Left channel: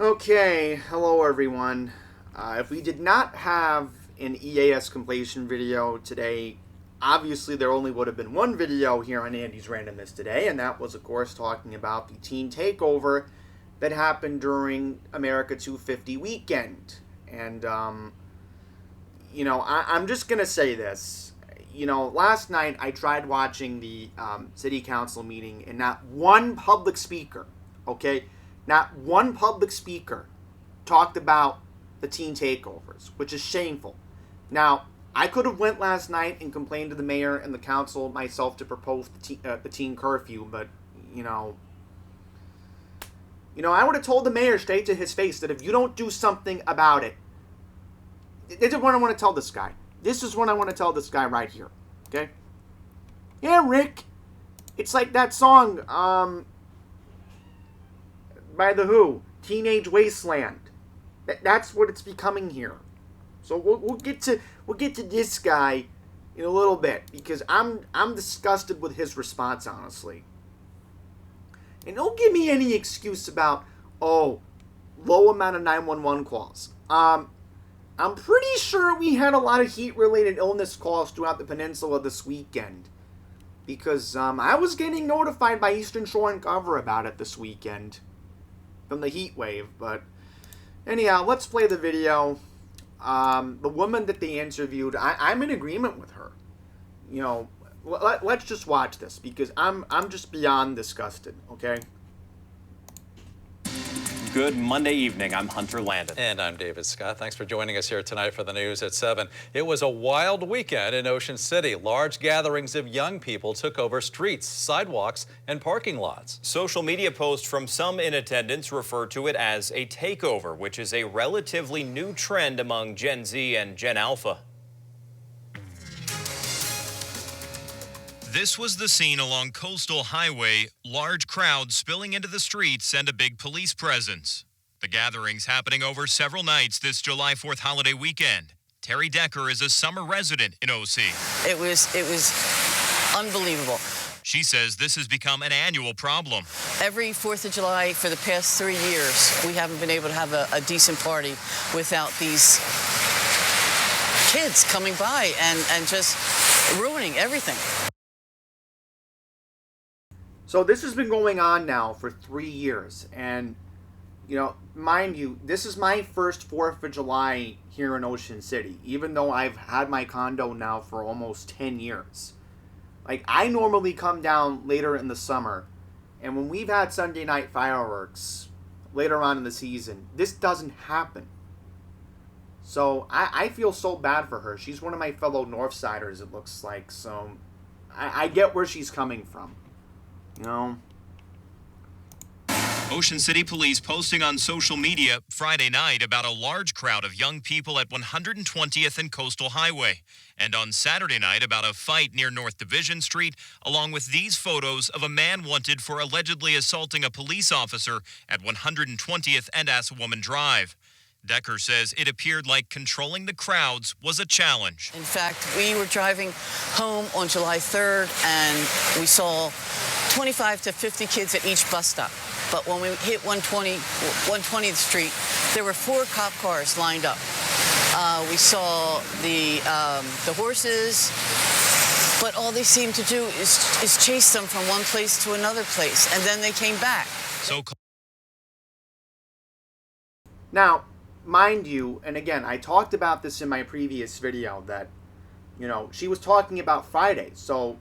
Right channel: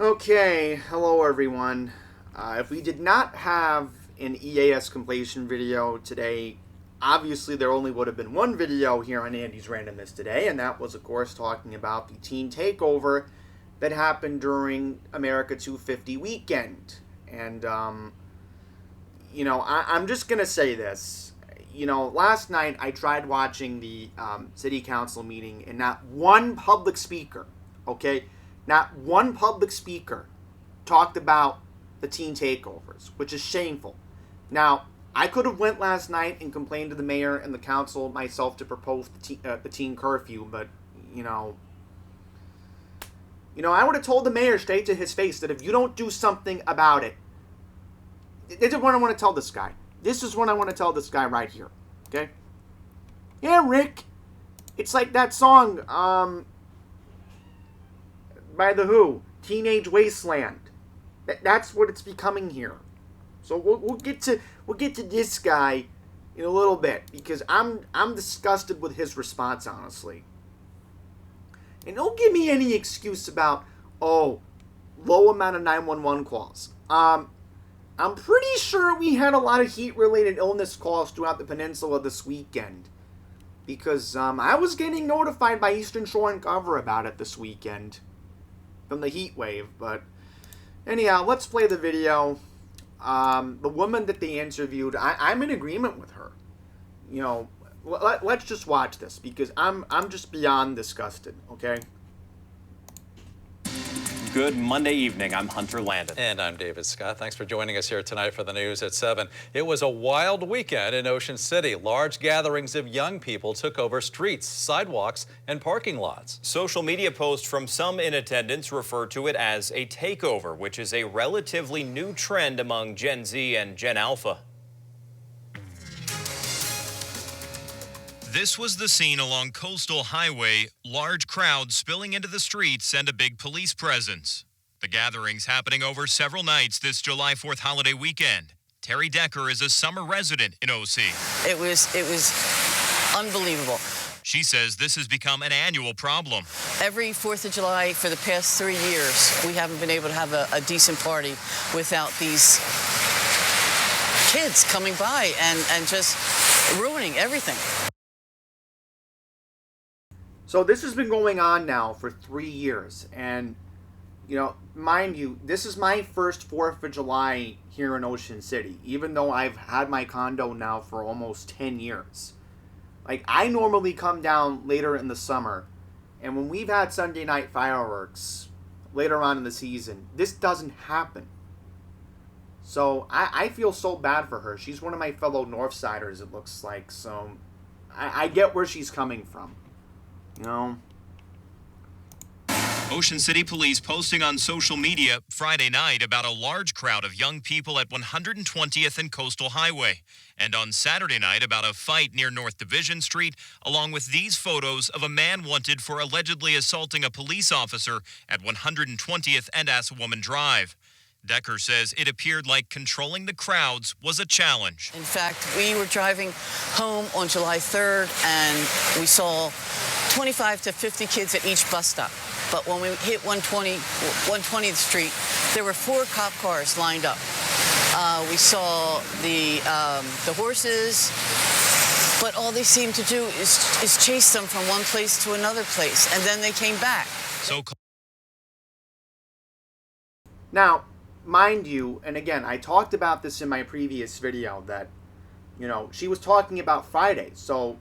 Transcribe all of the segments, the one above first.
Okay, hello everyone. If we did not have an EAS completion video today, obviously there only would have been one video here on Andy's Randomness today, and that was, of course, talking about the teen takeover that happened during America 250 weekend. And, I'm just going to say this. Last night I tried watching the city council meeting, and not one public speaker, okay? Not one public speaker talked about the teen takeovers, which is shameful. Now, I could have went last night and complained to the mayor and the council myself to propose the teen curfew, but I would have told the mayor straight to his face that if you don't do something about it, this is what I want to tell this guy. This is what I want to tell this guy right here. Okay? Yeah, Rick. It's like that song, by The Who, Teenage Wasteland. That's what it's becoming here. So we'll get to this guy in a little bit, because I'm disgusted with his response, honestly. And don't give me any excuse about low amount of 911 calls. I'm pretty sure we had a lot of heat-related illness calls throughout the peninsula this weekend, because I was getting notified by Eastern Shore and Cover about it this weekend from the heat wave. But anyhow, let's play the video. The woman that they interviewed, I'm in agreement with her. Let's just watch this, because I'm just beyond disgusted. Okay. Good Monday evening. I'm Hunter Landon. And I'm David Scott. Thanks for joining us here tonight for the news at 7. It was a wild weekend in Ocean City. Large gatherings of young people took over streets, sidewalks, and parking lots. Social media posts from some in attendance refer to it as a takeover, which is a relatively new trend among Gen Z and Gen Alpha. This was the scene along Coastal Highway, large crowds spilling into the streets and a big police presence. The gatherings happening over several nights this July 4th holiday weekend. Terry Decker is a summer resident in OC. It was unbelievable. She says this has become an annual problem. Every 4th of July for the past 3 years, we haven't been able to have a decent party without these kids coming by and just ruining everything. So this has been going on now for 3 years, and mind you, this is my first 4th of July here in Ocean City, even though I've had my condo now for almost 10 years. Like, I normally come down later in the summer, and when we've had Sunday night fireworks later on in the season, this doesn't happen. So I feel so bad for her. She's one of my fellow Northsiders, it looks like, so I get where she's coming from. Ocean City Police posting on social media Friday night about a large crowd of young people at 120th and Coastal Highway. And on Saturday night about a fight near North Division Street, along with these photos of a man wanted for allegedly assaulting a police officer at 120th and Assawoman Drive. Decker says it appeared like controlling the crowds was a challenge. In fact, we were driving home on July 3rd, and we saw 25 to 50 kids at each bus stop. But when we hit 120th Street, there were 4 cop cars lined up. We saw the horses, but all they seemed to do is chase them from one place to another place, and then they came back. Now, mind you, and again, I talked about this in my previous video, that, she was talking about Friday. So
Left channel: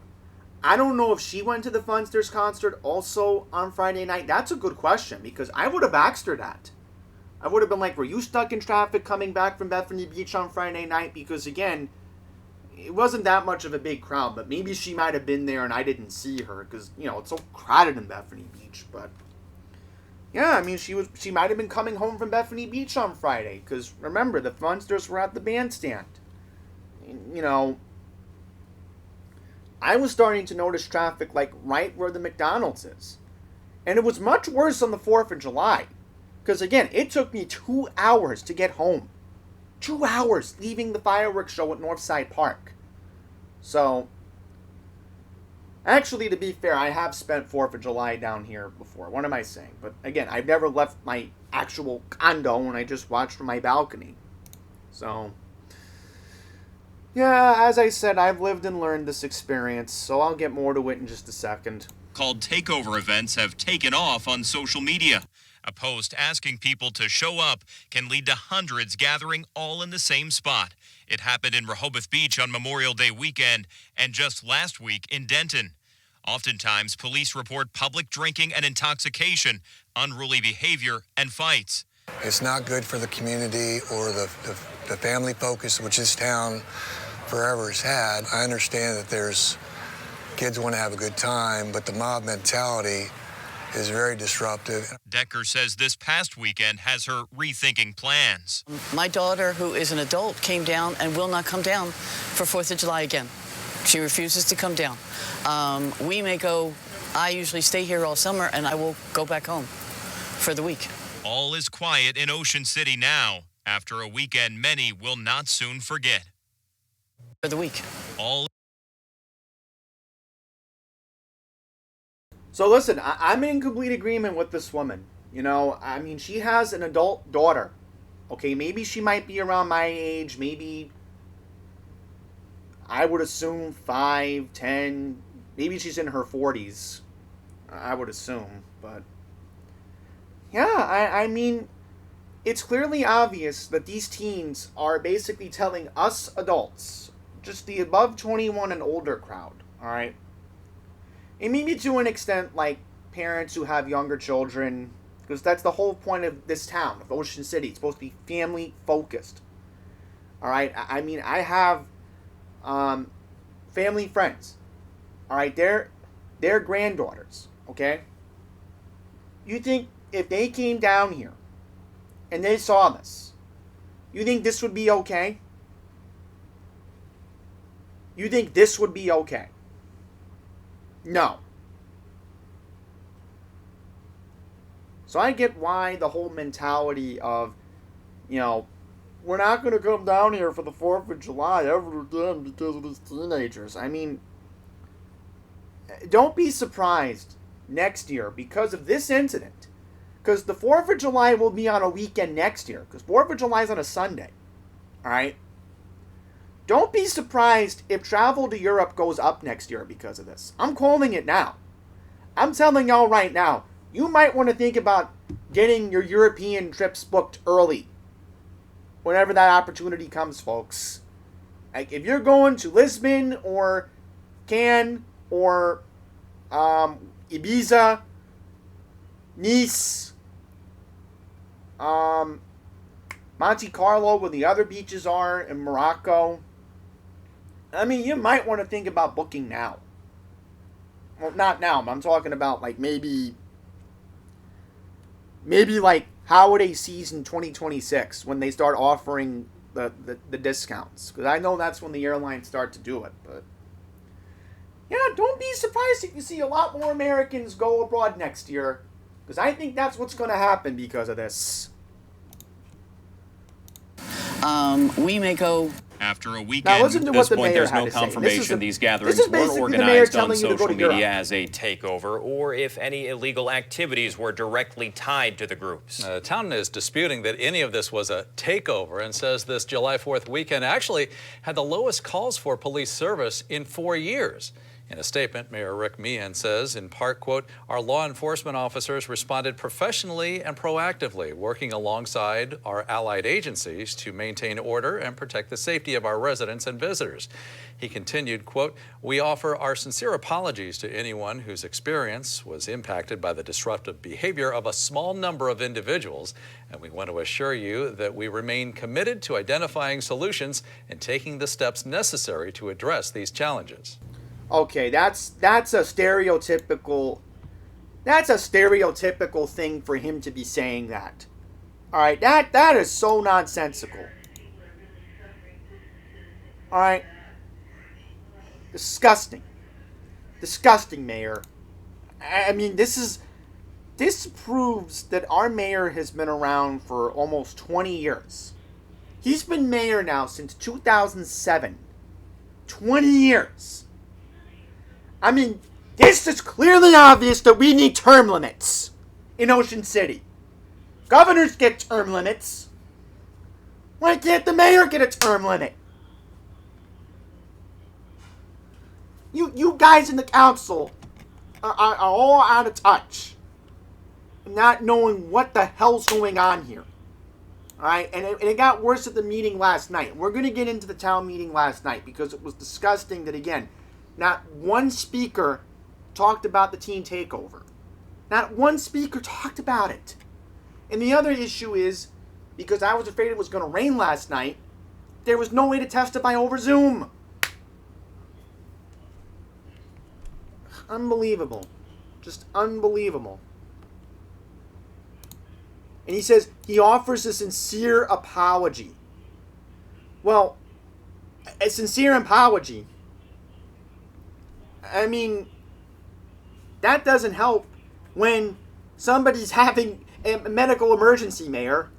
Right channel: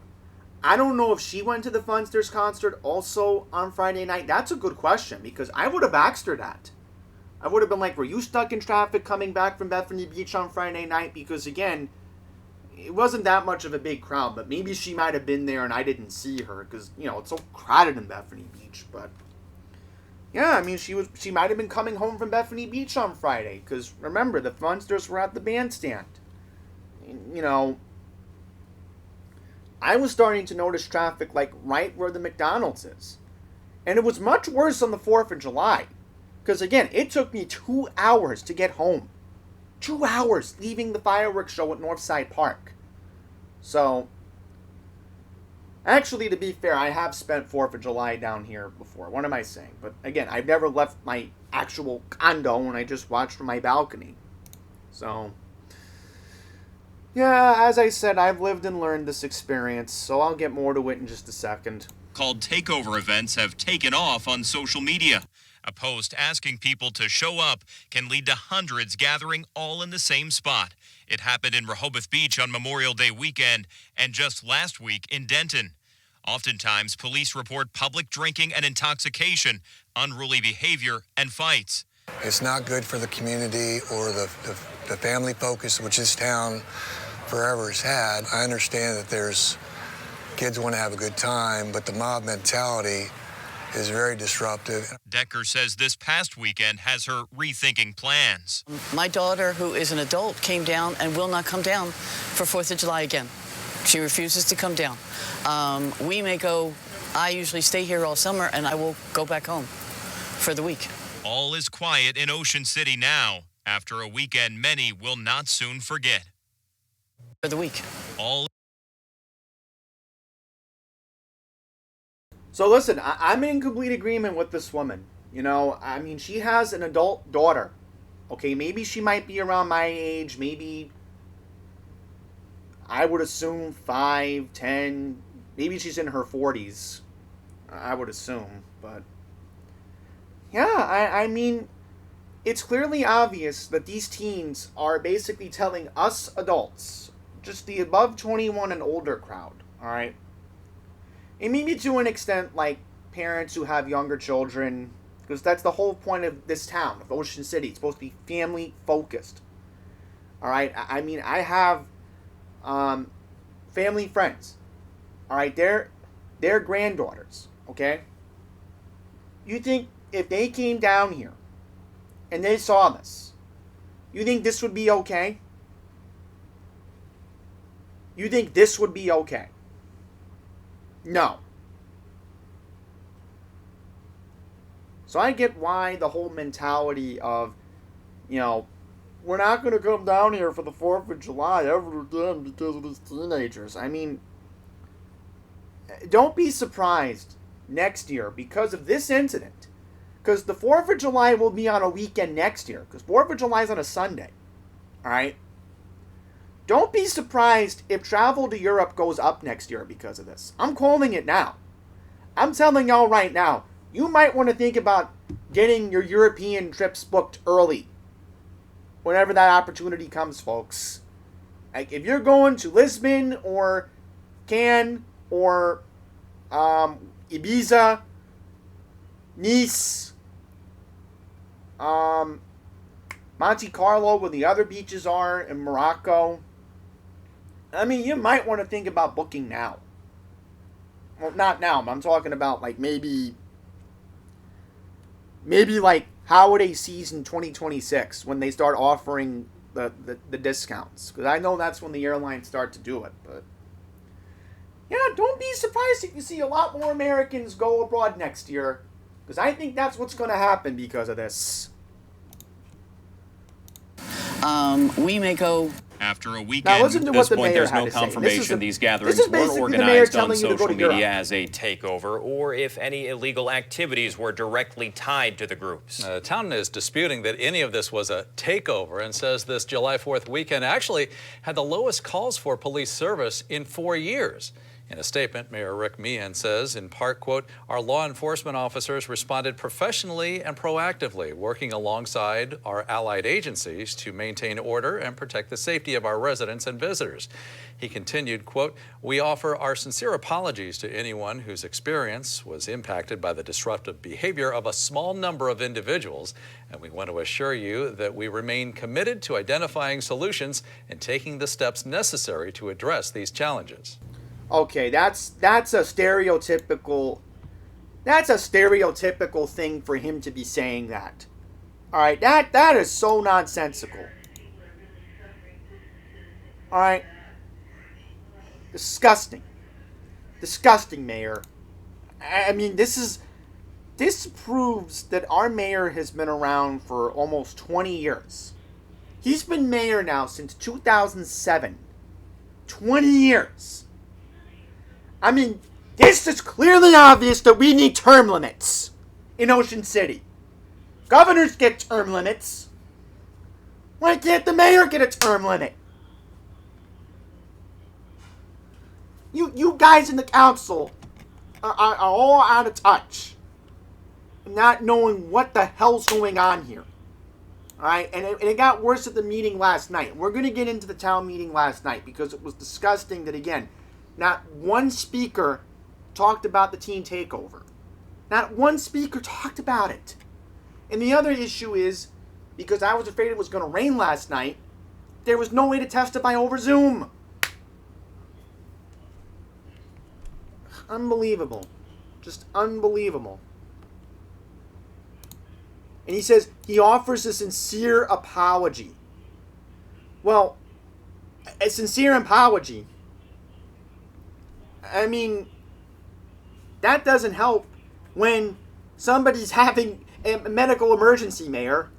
I don't know if she went to the Funsters concert also on Friday night. That's a good question, because I would have asked her that. I would have been like, were you stuck in traffic coming back from Bethany Beach on Friday night? Because, again, it wasn't that much of a big crowd, but maybe she might have been there and I didn't see her, because, it's so crowded in Bethany Beach. But yeah, I mean, she might have been coming home from Bethany Beach on Friday, because remember, the Funsters were at the bandstand. I was starting to notice traffic like right where the McDonald's is. And it was much worse on the 4th of July. Because again, it took me 2 hours to get home. 2 hours leaving the fireworks show at Northside Park. So, Actually, to be fair, I have spent 4th of July down here before. What am I saying? But again, I've never left my actual condo and I just watched from my balcony. So, yeah, as I said, I've lived and learned this experience, so I'll get more to it in just a second. Called Takeover events have taken off on social media. A post asking people to show up can lead to hundreds gathering all in the same spot. It happened in Rehoboth Beach on Memorial Day weekend and just last week in Denton. Oftentimes, police report public drinking and intoxication, unruly behavior, and fights. It's not good for the community or the family focus which this town forever has had. I understand that there's kids want to have a good time, but the mob mentality is very disruptive. Decker says this past weekend has her rethinking plans. My daughter, who is an adult, came down and will not come down for 4th of July again. She refuses to come down. We may go, I usually stay here all summer, and I will go back home for the week. All is quiet in Ocean City now, after a weekend many will not soon forget. For the week. All So listen, I'm in complete agreement with this woman. You know, I mean, she has an adult daughter. Okay, maybe she might be around my age. Maybe, I would assume 5, 10. Maybe she's in her 40s. I would assume. But, yeah, I mean, it's clearly obvious that these teens are basically telling us adults, just the above 21 and older crowd, alright? And maybe to an extent, like, parents who have younger children, because that's the whole point of this town, of Ocean City. It's supposed to be family-focused. Alright? I mean, I have family friends. Alright? They're granddaughters. Okay? You think if they came down here and they saw this, you think this would be okay? You think this would be okay? No. So I get why the whole mentality of, you know, we're not going to come down here for the 4th of July ever again because of these teenagers. I mean, don't be surprised next year because of this incident. Because the 4th of July will be on a weekend next year. Because 4th of July is on a Sunday. Alright? Don't be surprised if travel to Europe goes up next year because of this. I'm calling it now. I'm telling y'all right now, you might want to think about getting your European trips booked early. Whenever that opportunity comes, folks. Like, if you're going to Lisbon or Cannes or Ibiza, Nice, Monte Carlo, where the other beaches are, in Morocco, I mean, you might want to think about booking now. Well, not now, but I'm talking about, like, maybe like holiday season 2026 when they start offering the discounts. Because I know that's when the airlines start to do it. But, yeah, don't be surprised if you see a lot more Americans go abroad next year. Because I think that's what's going to happen because of this. We may go. after a weekend. Now listen to At what this the point, mayor there's had no to say. confirmation these gatherings this is were basically the mayor organized on telling you to go social to Europe. media as a takeover, or if any illegal activities were directly tied to the groups. The town is disputing that any of this was a takeover and says this July 4th weekend actually had the lowest calls for police service in 4 years. In a statement, Mayor Rick Meehan says, in part, quote, our law enforcement officers responded professionally and proactively, working alongside our allied agencies to maintain order and protect the safety of our residents and visitors. He continued, quote, we offer our sincere apologies to anyone whose experience was impacted by the disruptive behavior of a small number of individuals, and we want to assure you that we remain committed to identifying solutions and taking the steps necessary to address these challenges. Okay, that's a stereotypical thing for him to be saying that. All right, that is so nonsensical. All right, disgusting, Mayor. I mean, this proves that our mayor has been around for almost 20 years. He's been mayor now since 2007. 20 years. I mean, This is clearly obvious that we need term limits in Ocean City. Governors get term limits. Why can't the mayor get a term limit? You guys in the council are all out of touch, not knowing what the hell's going on here. All right, and it got worse at the meeting last night. We're going to get into the town meeting last night because it was disgusting that, again, not one speaker talked about the teen takeover. Not one speaker talked about it. And the other issue is, because I was afraid it was going to rain last night, there was no way to testify over Zoom. Unbelievable. Just unbelievable. And he says he offers a sincere apology. Well, a sincere apology, I mean, that doesn't help when somebody's having a medical emergency, Mayor.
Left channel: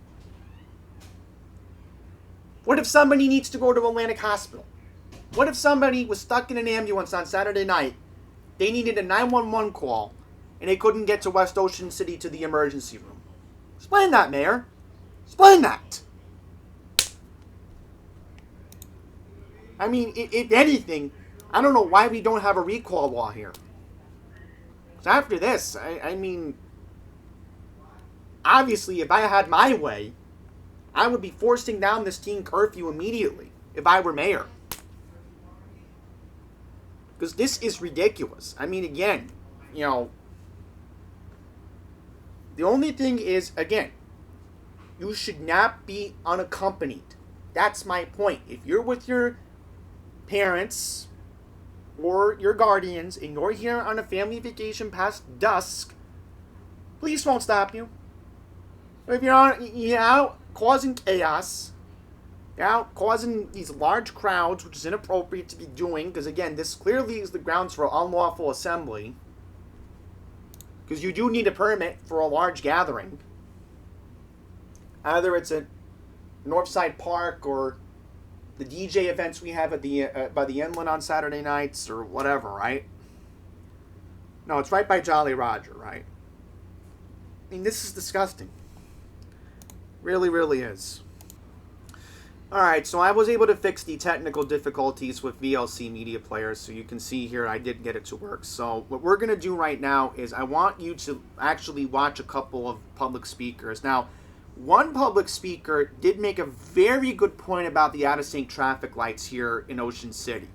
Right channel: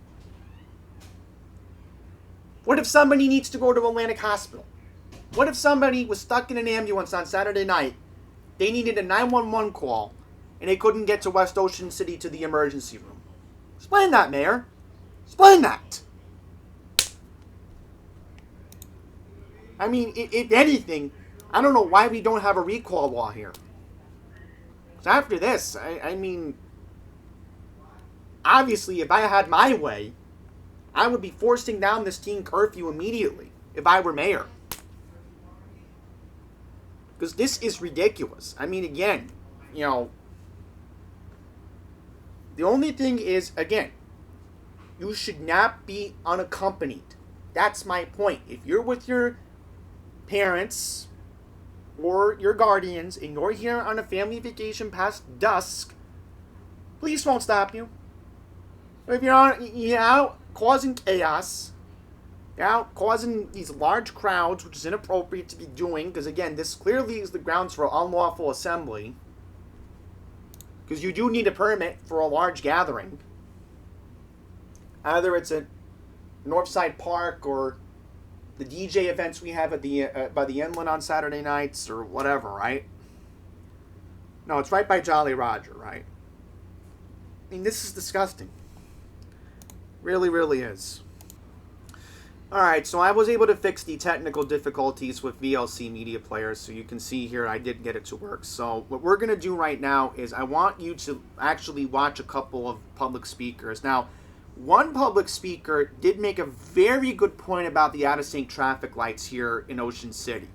What if somebody needs to go to Atlantic Hospital? What if somebody was stuck in an ambulance on Saturday night, they needed a 911 call, and they couldn't get to West Ocean City to the emergency room? Explain that, Mayor. Explain that. I mean, if anything, I don't know why we don't have a recall law here. Because after this, I mean, obviously, if I had my way, I would be forcing down this teen curfew immediately if I were mayor. Because this is ridiculous. I mean, again, you know, the only thing is, again, you should not be unaccompanied. That's my point. If you're with your parents or your guardians and you're here on a family vacation past dusk, police won't stop you. If you're out causing chaos, you're out causing these large crowds, which is inappropriate to be doing, because again, this clearly is the grounds for unlawful assembly. Because you do need a permit for a large gathering. Either it's at Northside Park or the DJ events we have at the by the inland on Saturday nights or whatever, right? No, it's right by Jolly Roger, right? I mean, this is disgusting. Really, really is. Alright, so I was able to fix the technical difficulties with VLC Media Player, so you can see here I did get it to work. So what we're going to do right now is I want you to actually watch a couple of public speakers. Now, one public speaker did make a very good point about the out-of-sync traffic lights here in Ocean City.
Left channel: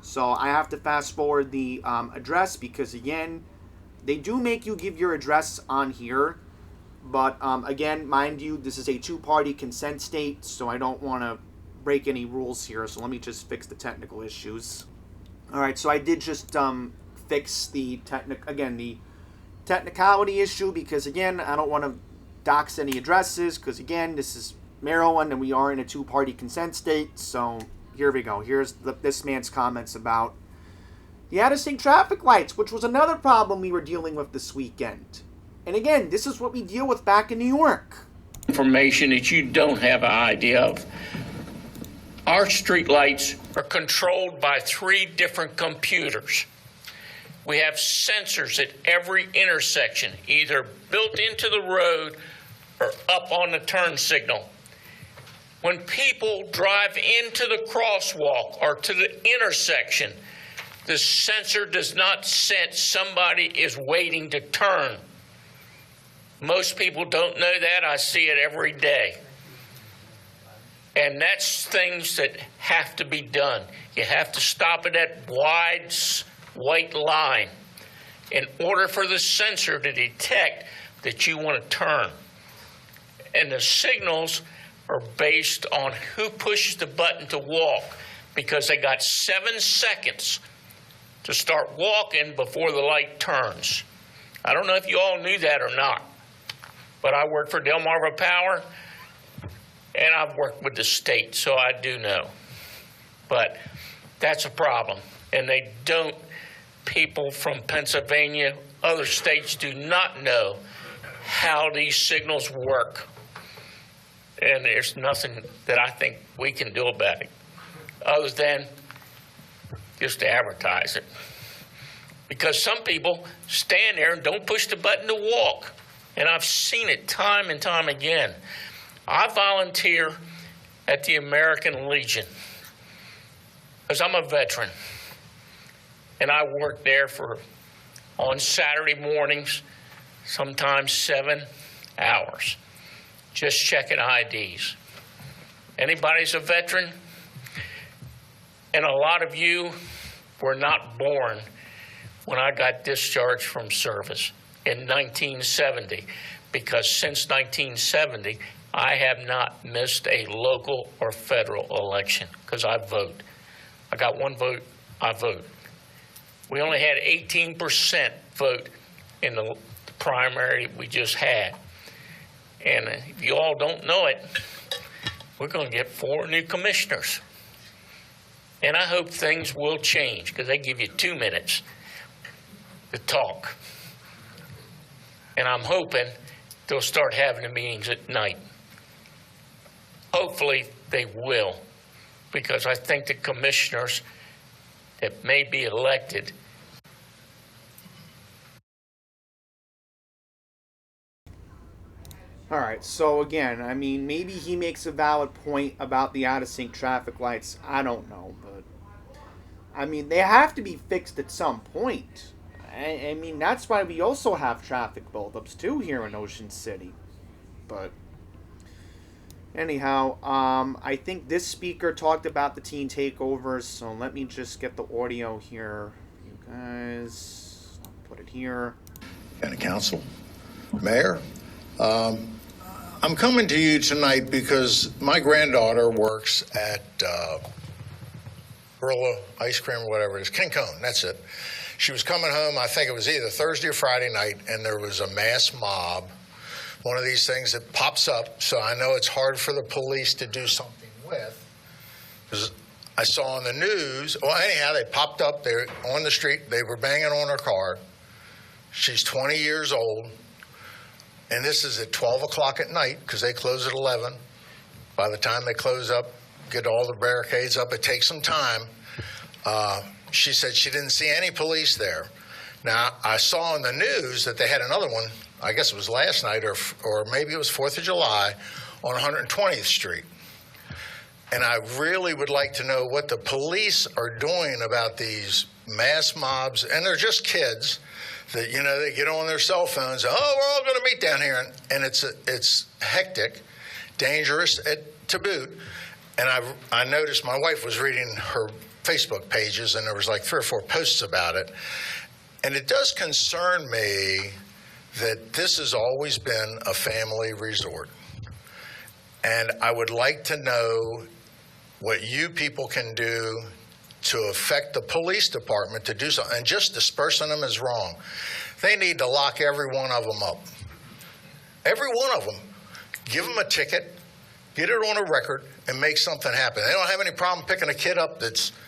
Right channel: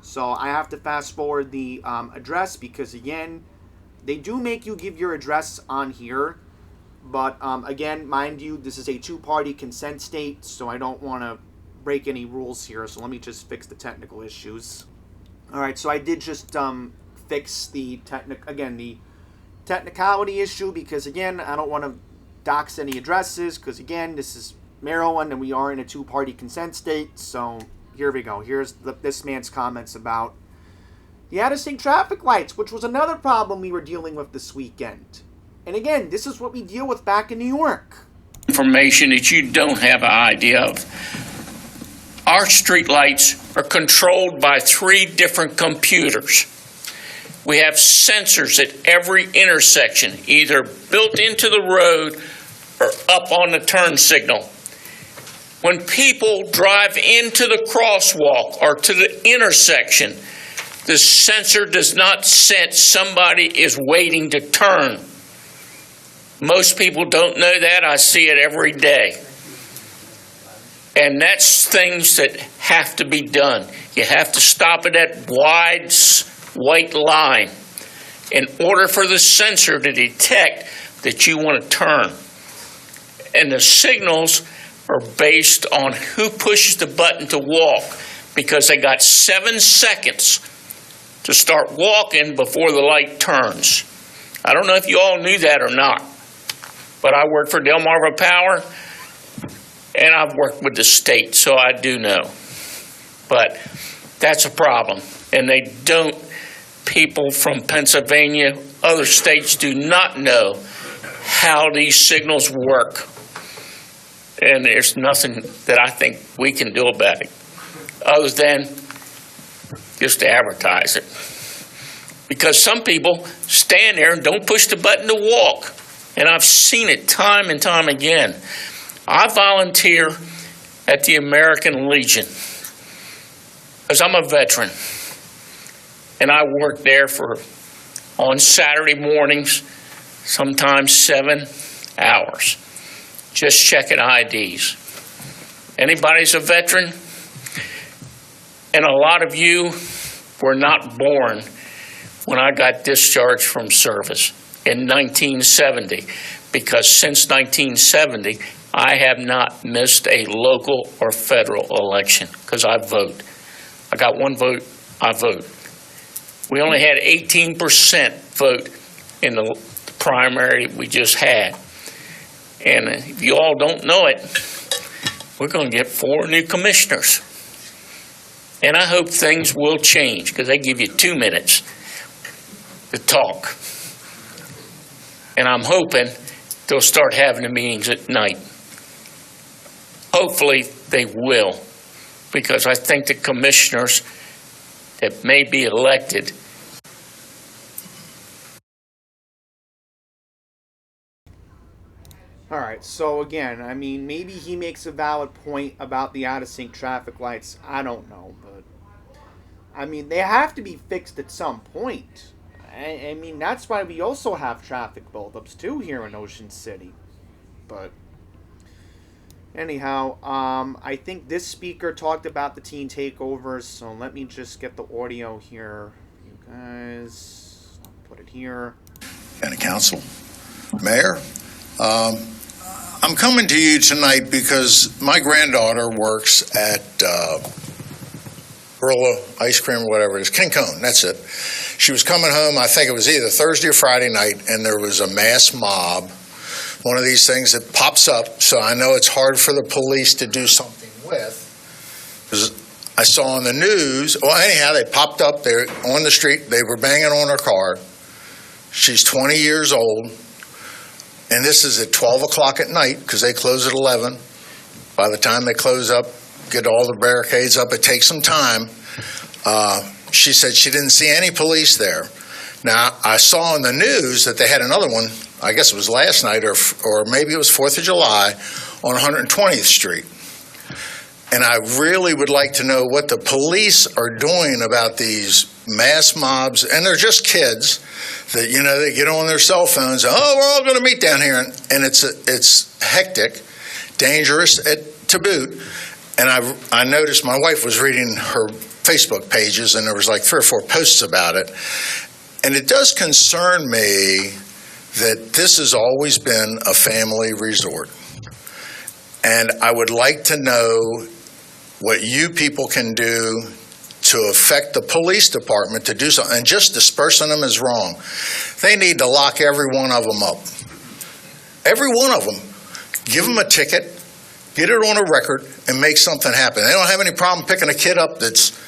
So I have to fast forward the address because, again, they do make you give your address on here. But, again, mind you, this is a two-party consent state, so I don't want to break any rules here. So let me just fix the technical issues. All right, so I did just fix the technicality issue because, again, I don't want to dox any addresses because, again, this is Maryland and we are in a two-party consent state. So here we go. Here's this man's comments about the out-of-sync traffic lights, which was another problem we were dealing with this weekend. And again, this is what we deal with back in New York. Information that you don't have an idea of. Our streetlights are controlled by 3 different computers. We have sensors at every intersection, either built into the road or up on the turn signal. When people drive into the crosswalk or to the intersection, the sensor does not sense somebody is waiting to turn. Most people don't know that. I see it every day. And that's things that have to be done. You have to stop at that wide white line in order for the sensor to detect that you want to turn. And the signals are based on who pushes the button to walk, because they got 7 seconds to start walking before the light turns. I don't know if you all knew that or not. But I work for Delmarva Power, and I've worked with the state, so I do know. But that's a problem. And people from Pennsylvania, other states do not know how these signals work. And there's nothing that I think we can do about it, other than just to advertise it. because some people stand there and don't push the button to walk. And I've seen it time and time again. I volunteer at the American Legion because I'm a veteran. And I work there on Saturday mornings, sometimes 7 hours, just checking IDs. Anybody's a veteran? And a lot of you were not born when I got discharged from service in 1970, because since 1970, I have not missed a local or federal election because I vote. I got one vote, I vote. We only had 18% vote in the primary we just had. And if you all don't know it, we're going to get 4 new commissioners. And I hope things will change because they give you 2 minutes to talk. And I'm hoping they'll start having the meetings at night. Hopefully they will, because I think the commissioners that may be elected All right, so again, I mean, maybe he makes a valid point about the out-of-sync traffic lights. I don't know, but I mean, they have to be fixed at some point. I mean, that's why we also have traffic buildups too here in Ocean City. But anyhow, I think this speaker talked about the teen takeovers, so let me just get the audio here. You guys, I'll put it here. County Council, Mayor, I'm coming to you tonight because my granddaughter works at Gorilla Ice Cream or whatever it is, King Cone, that's it. She was coming home, I think it was either Thursday or Friday night, and there was a mass mob, one of these things that pops up, so I know it's hard for the police to do something with. Because I saw on the news, well, anyhow, they popped up there on the street, they were banging on her car. She's 20 years old, and this is at 12 o'clock at night, because they close at 11. By the time they close up, get all the barricades up, it takes some time. She said she didn't see any police there. Now, I saw in the news that they had another one, I guess it was last night, or maybe it was 4th of July, on 120th Street. And I really would like to know what the police are doing about these mass mobs, and they're just kids that, you know, they get on their cell phones, oh, we're all going to meet down here, and it's hectic, dangerous to boot. And I noticed my wife was reading her Facebook pages, and there was like 3 or 4 posts about it. And it does concern me that this has always been a family resort. And I would like to know what you people can do to affect the police department to do something. And just dispersing them is wrong. They need to lock every one of them up. Every one of them. Give them a ticket, get it on a record, and make something happen. They don't have any problem picking a kid up that's,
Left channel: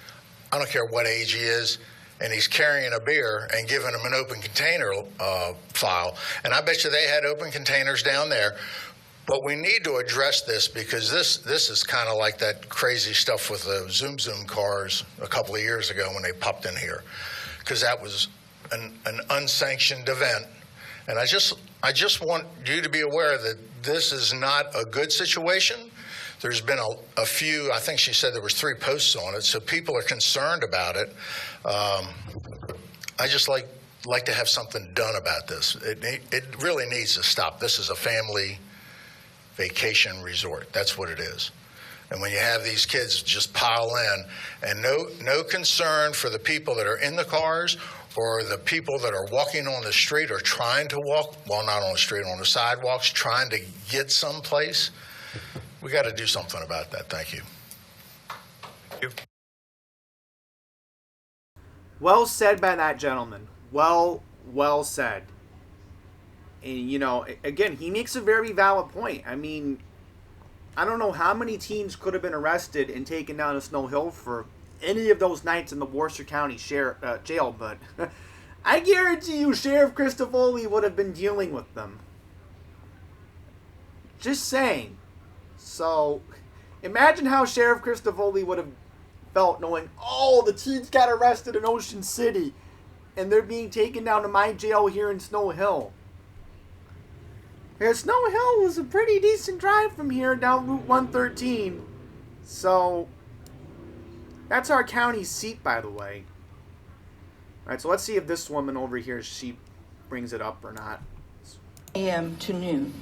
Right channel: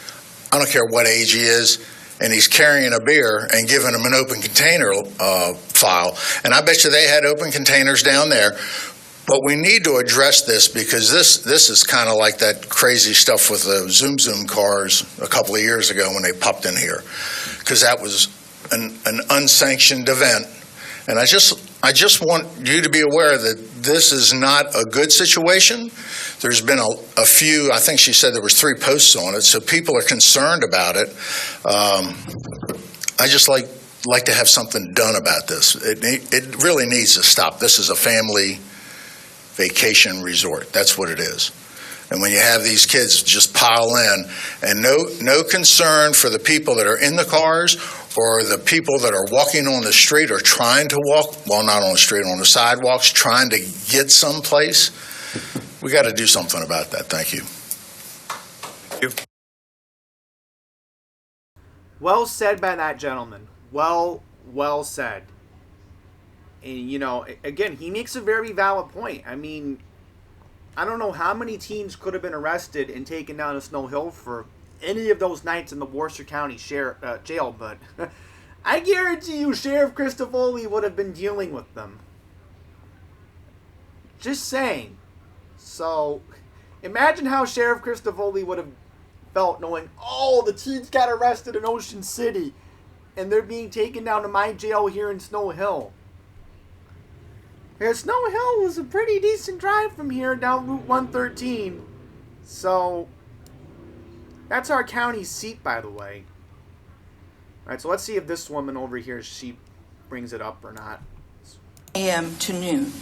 I don't care what age he is, and he's carrying a beer and giving him an open container file. And I bet you they had open containers down there. But we need to address this because this is kind of like that crazy stuff with the Zoom cars a couple of years ago when they popped in here, because that was an unsanctioned event. And I just want you to be aware that this is not a good situation. There's been a few, I think she said there was 3 posts on it, so people are concerned about it. I just like to have something done about this. It really needs to stop. This is a family vacation resort. That's what it is. And when you have these kids just pile in, and no concern for the people that are in the cars or the people that are walking on the street or trying to walk, well, not on the street, on the sidewalks, trying to get someplace. We got to do something about that. Thank you. Thank you. Well said by that gentleman. Well said. And, you know, again, he makes a very valid point. I mean, I don't know how many teens could have been arrested and taken down to Snow Hill for any of those nights in the Worcester County jail, but I guarantee you Sheriff Christofoli would have been dealing with them. Just saying. So, imagine how Sheriff Christofoli would have felt knowing, oh, the teens got arrested in Ocean City. and they're being taken down to my jail here in Snow Hill. Because Snow Hill was a pretty decent drive from here down Route 113. So, that's our county seat, by the way. Alright, so let's see if this woman over here, she brings it up or not. A.M. to noon.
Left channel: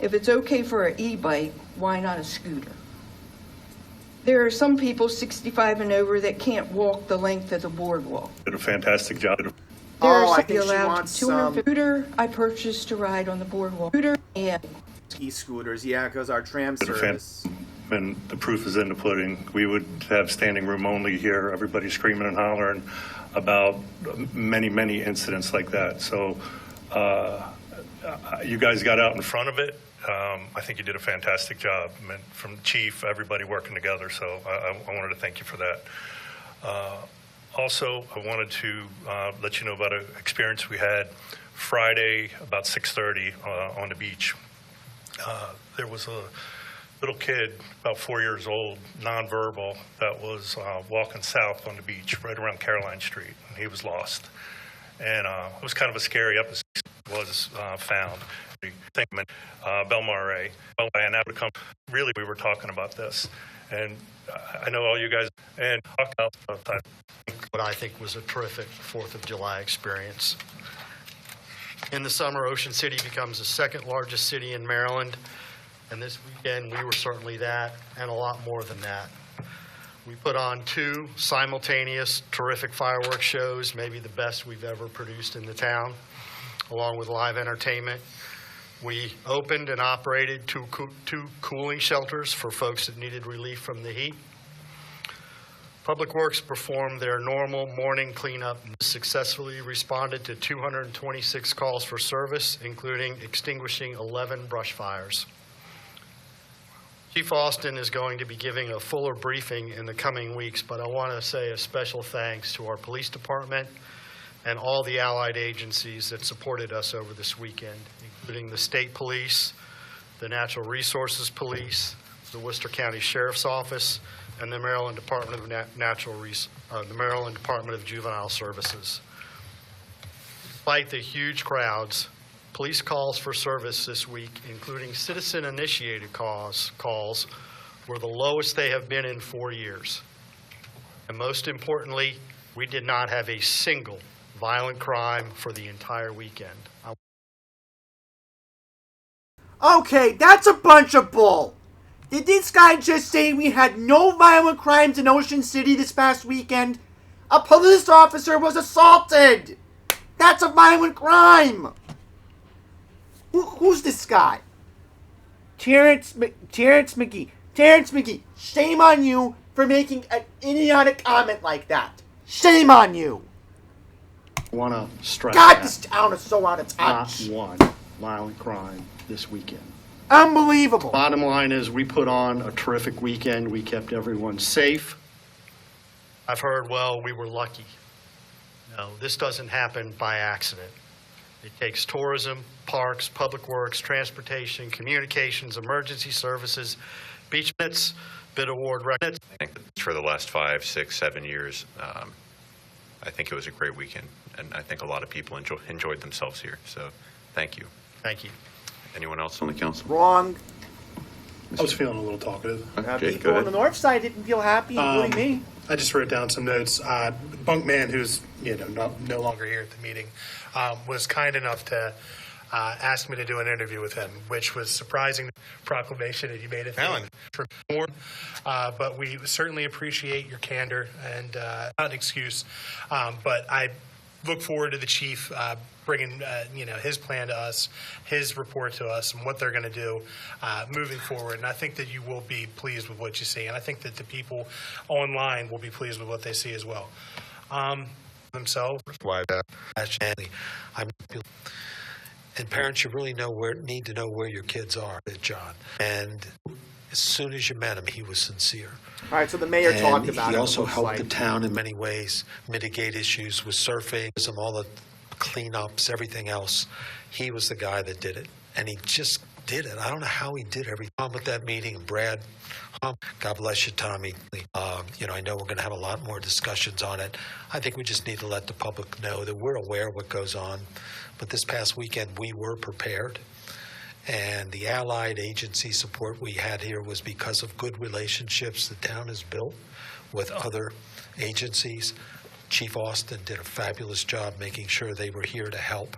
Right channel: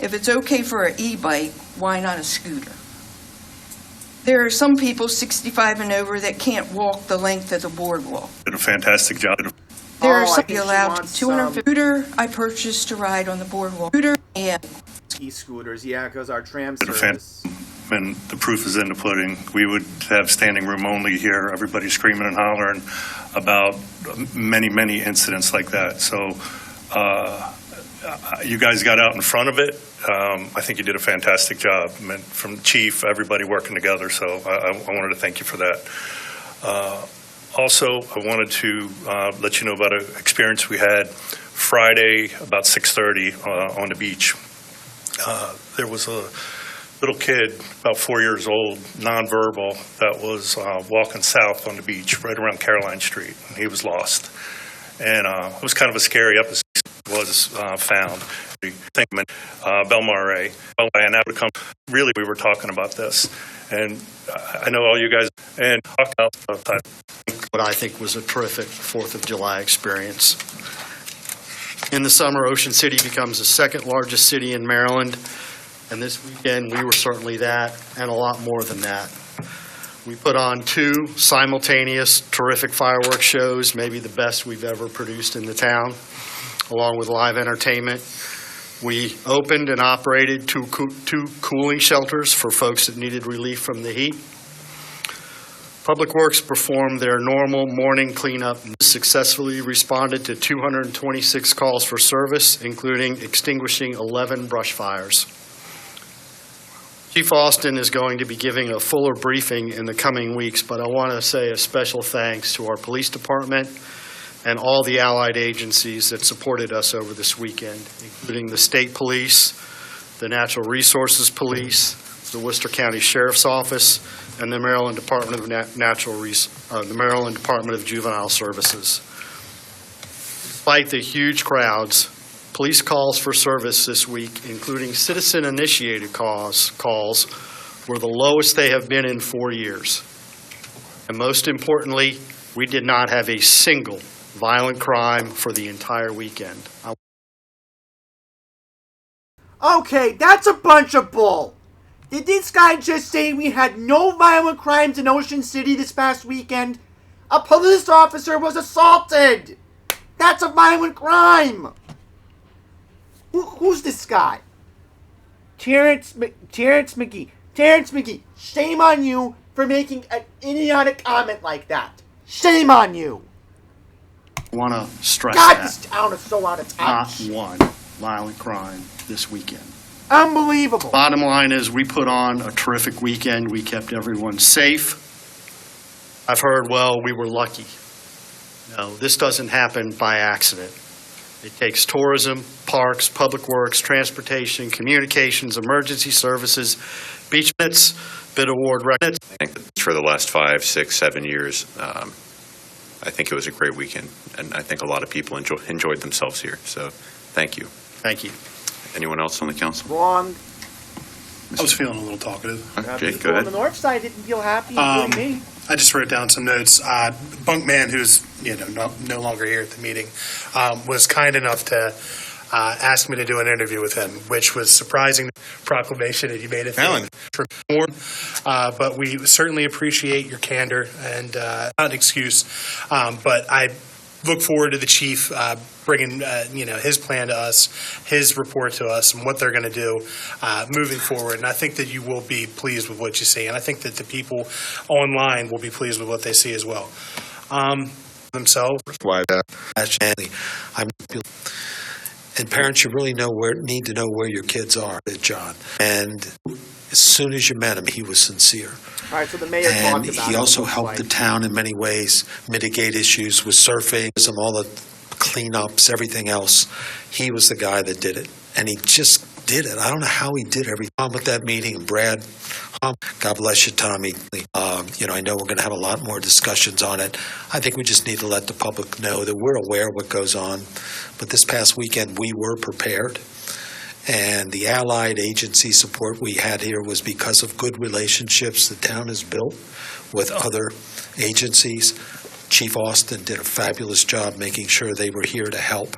If it's okay for an e-bike, why not a scooter? There are some people 65 and over that can't walk the length of the boardwalk. Did a fantastic job. There Oh, are I some think she allowed wants 250 scooter I purchased to ride on the boardwalk. Scooter and E-scooters, yeah, because our tram service. And the proof is in the pudding. We would have standing room only here, everybody screaming and hollering about many, many incidents like that. So you guys got out in front of it. I think you did a fantastic job. I mean, from chief, everybody working together. So I wanted to thank you for that. Also, I wanted to let you know about an experience we had Friday about 6:30 on the beach. There was a little kid, about 4 years old, nonverbal, that was walking south on the beach right around Caroline Street, and he was lost. And it was kind of a scary episode. Was found. Belmar, and that would come. Really, we were talking about this, and I know all you guys and talk about what I think was a terrific 4th of July experience. In the summer, Ocean City becomes the second largest city in Maryland, and this weekend we were certainly that, and a lot more than that. We put on 2 simultaneous terrific fireworks shows, maybe the best we've ever produced in the town, along with live entertainment. We opened and operated two cooling shelters for folks that needed relief from the heat. Public Works performed their normal morning cleanup and successfully responded to 226 calls for service, including extinguishing 11 brush fires. Chief Austin is going to be giving a fuller briefing in the coming weeks, but I want to say a special thanks to our police department and all the allied agencies that supported us over this weekend, including the State Police, the Natural Resources Police, the Worcester County Sheriff's Office, and the Maryland Department of the Maryland Department of Juvenile Services. Despite the huge crowds, police calls for service this week, including citizen-initiated calls, were the lowest they have been in 4 years. And most importantly, we did not have a single violent crime for the entire weekend. Okay, that's a bunch of bull. Did this guy just say we had no violent crimes in Ocean City this past weekend? A police officer was assaulted. That's a violent crime. Who's this guy? Terrence McGee. Terrence McGee, shame on you for making an idiotic comment like that. Shame on you. I want to stress God, this town is so out of touch. not one violent crime this weekend. Unbelievable. Bottom line is we put on a terrific weekend. We kept everyone safe. I've heard, well, we were lucky. No, this doesn't happen by accident. It takes tourism, parks, public works, transportation, communications, emergency services, beach minutes, bid award records. I think for the last 5, 6, 7 years, I think it was a great weekend, and I think a lot of people enjoyed themselves here. So, thank you. Thank you. Anyone else on the council? Wrong. I was feeling a little talkative. People on the north side didn't feel happy, including me. I just wrote down some notes. Bunkman, who's no longer here at the meeting, was kind enough to ask me to do an interview with him, which was surprising proclamation that you made it for more. But we certainly appreciate your candor and not an excuse. But I look forward to the chief bringing his plan to us, his report to us, and what they're going to do moving forward. And I think that you will be pleased with what you see, and I think that the people online will be pleased with what they see as well. Themselves. Why that? And parents, you really need to know where your kids are, John. And as soon as you met him, he was sincere. All right, so the mayor talked about it. He also helped the town in many ways mitigate issues with surfing, all the cleanups, everything else. He was the guy that did it, and he just did it. I don't know how he did everything with that meeting, and Brad God bless you, Tommy. I know we're going to have a lot more discussions on it. I think we just need to let the public know that we're aware of what goes on. But this past weekend, we were prepared. And the allied agency support we had here was because of good relationships the town has built with other agencies. Chief Austin did a fabulous job making sure they were here to help,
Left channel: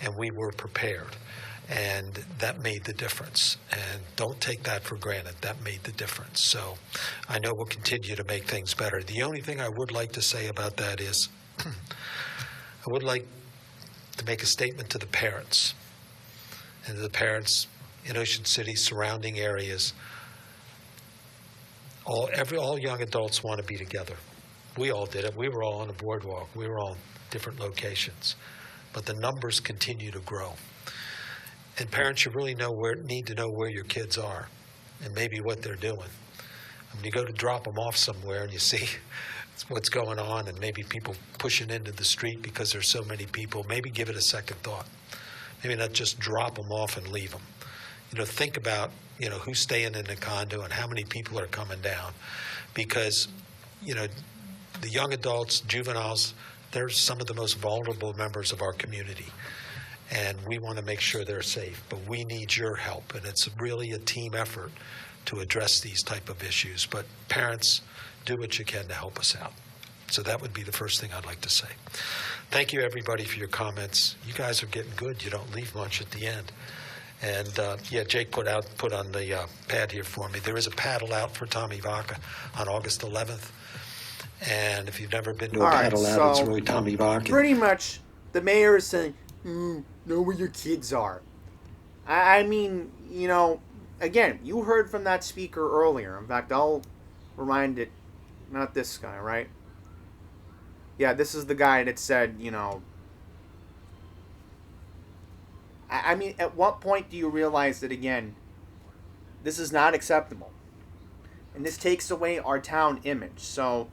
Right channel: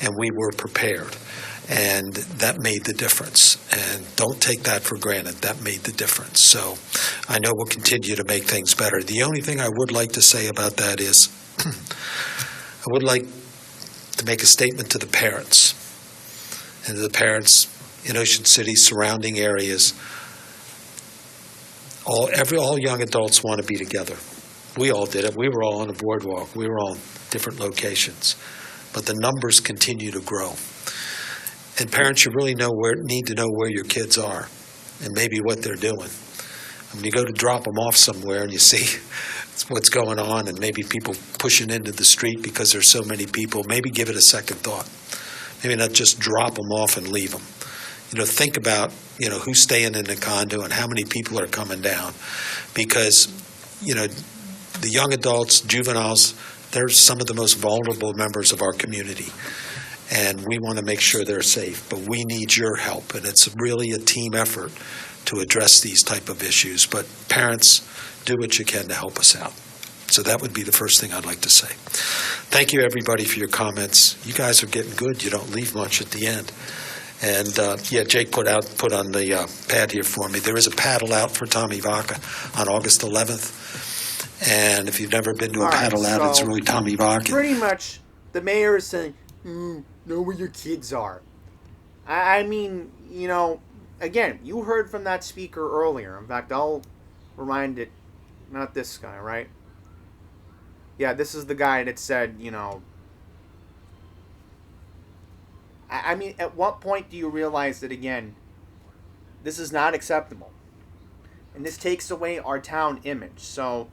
and we were prepared. And that made the difference. And don't take that for granted. That made the difference. So I know we'll continue to make things better. The only thing I would like to say about that is I would like to make a statement to the parents and to the parents in Ocean City, surrounding areas. All young adults want to be together. We all did it. We were all on the boardwalk. We were all in different locations. But the numbers continue to grow. And parents, you really need to know where your kids are and maybe what they're doing. When you go to drop them off somewhere and you see what's going on and maybe people pushing into the street because there's so many people, maybe give it a second thought. Maybe not just drop them off and leave them. Think about, who's staying in the condo and how many people are coming down. Because, the young adults, juveniles, they're some of the most vulnerable members of our community. And we want to make sure they're safe, but we need your help. And it's really a team effort to address these type of issues. But parents, do what you can to help us out. So that would be the first thing I'd like to say. Thank you, everybody, for your comments. You guys are getting good. You don't leave much at the end. And, Jake put on the pad here for me. There is a paddle out for Tommy Vaca on August 11th. And if you've never been to a paddle out, it's really Tommy Vaca. Pretty much, the mayor is saying, know where your kids are. I mean, again, you heard from that speaker earlier. In fact, I'll remind it, not this guy, right? Yeah, this is the guy that said, I mean, at what point do you realize that, again, this is not acceptable? And this takes away our town image. So,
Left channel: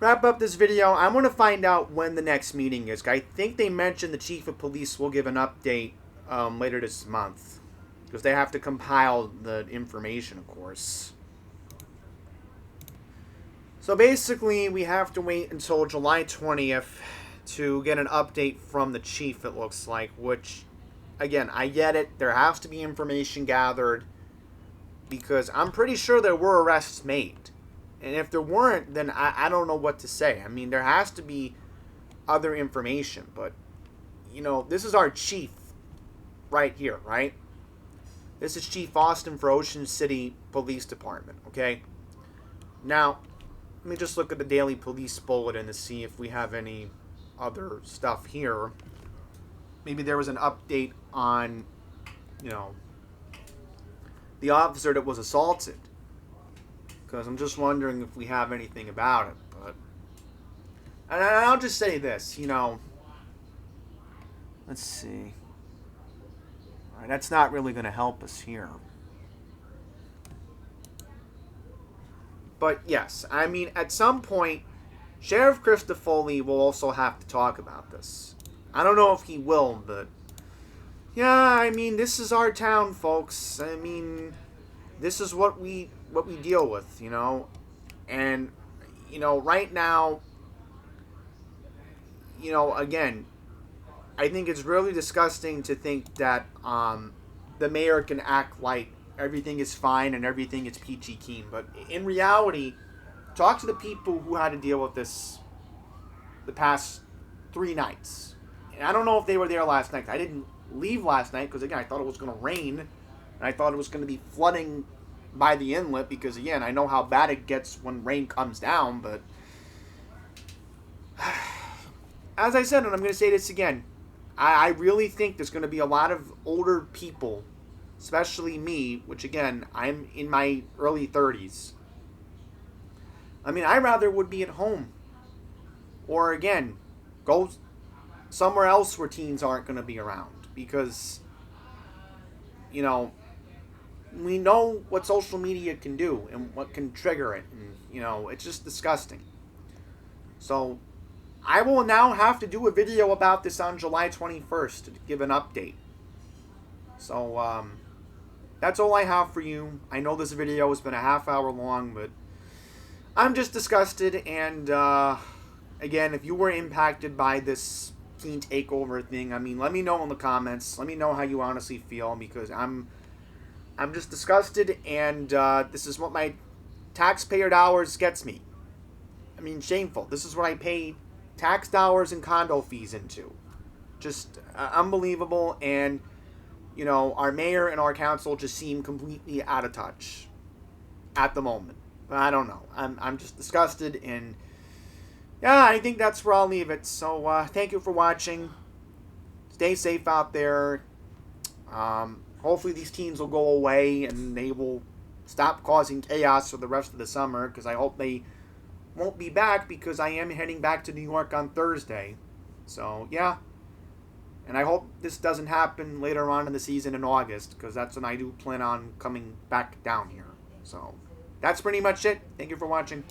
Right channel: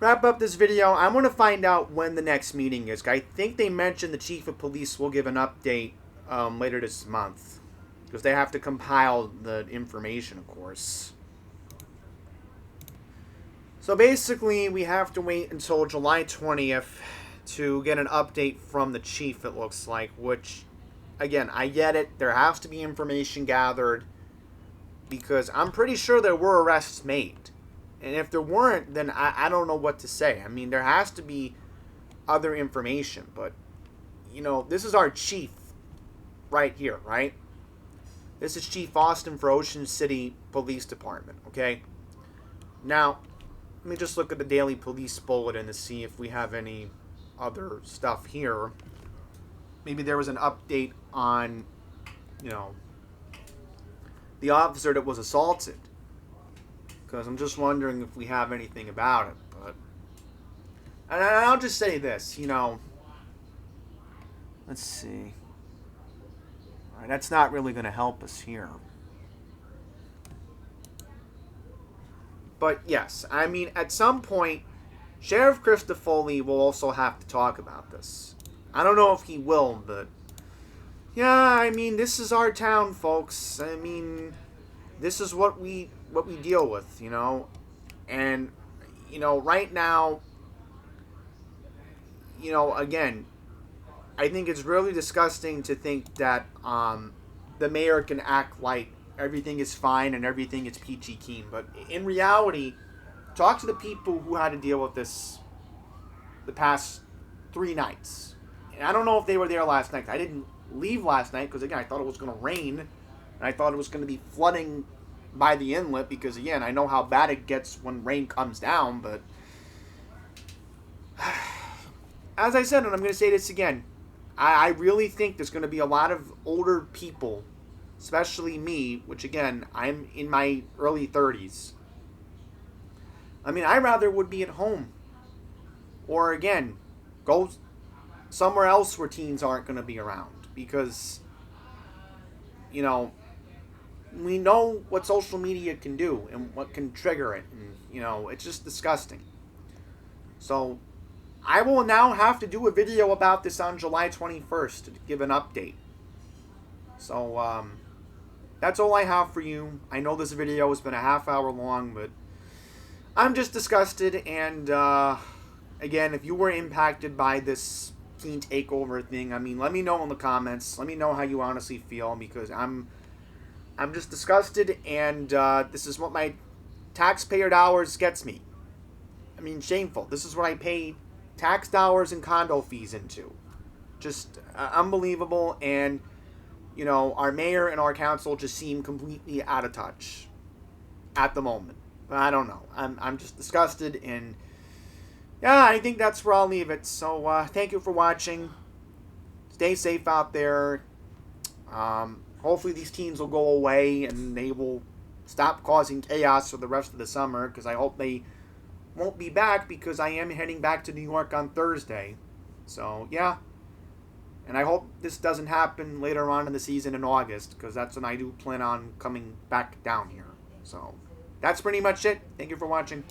wrap up this video. I'm going to find out when the next meeting is. I think they mentioned the chief of police will give an update later this month. Because they have to compile the information, of course. So basically, we have to wait until July 20th to get an update from the chief, it looks like. Which, again, I get it. There has to be information gathered. Because I'm pretty sure there were arrests made. And if there weren't, then I don't know what to say. I mean, there has to be other information. But, this is our chief right here, right? This is Chief Austin for Ocean City Police Department, okay? Now, let me just look at the daily police bulletin to see if we have any other stuff here. Maybe there was an update on, the officer that was assaulted. Because I'm just wondering if we have anything about it. But, and I'll just say this, let's see. All right, that's not really going to help us here. But yes, I mean, at some point, Sheriff Christofoli will also have to talk about this. I don't know if he will, but yeah, I mean, this is our town, folks. I mean, this is what we deal with, and right now, again, I think it's really disgusting to think that the mayor can act like everything is fine and everything is peachy keen. But in reality, talk to the people who had to deal with this the past 3 nights. And I don't know if they were there last night. I didn't leave last night because, again, I thought it was going to rain. And I thought it was going to be flooding by the inlet because, again, I know how bad it gets when rain comes down. But as I said, and I'm going to say this again, I really think there's going to be a lot of older people, especially me, which, again, I'm in my early 30s. I mean, I rather would be at home. Or, again, go somewhere else where teens aren't going to be around. Because, we know what social media can do and what can trigger it. And, it's just disgusting. So, I will now have to do a video about this on July 21st to give an update. So, that's all I have for you. I know this video has been a half hour long, but I'm just disgusted. And again, if you were impacted by this teen takeover thing, I mean, let me know in the comments. Let me know how you honestly feel, because I'm just disgusted, and this is what my taxpayer dollars gets me. I mean, shameful. This is what I pay tax dollars and condo fees into. Just unbelievable. And you know, our mayor and our council just seem completely out of touch at the moment. But I don't know. I'm just disgusted, and yeah, I think that's where I'll leave it. So thank you for watching. Stay safe out there. Hopefully these teens will go away and they will stop causing chaos for the rest of the summer, because I hope they won't be back, because I am heading back to New York on Thursday. So yeah. And I hope this doesn't happen later on in the season in August, because that's when I do plan on coming back down here. So that's pretty much it. Thank you for watching.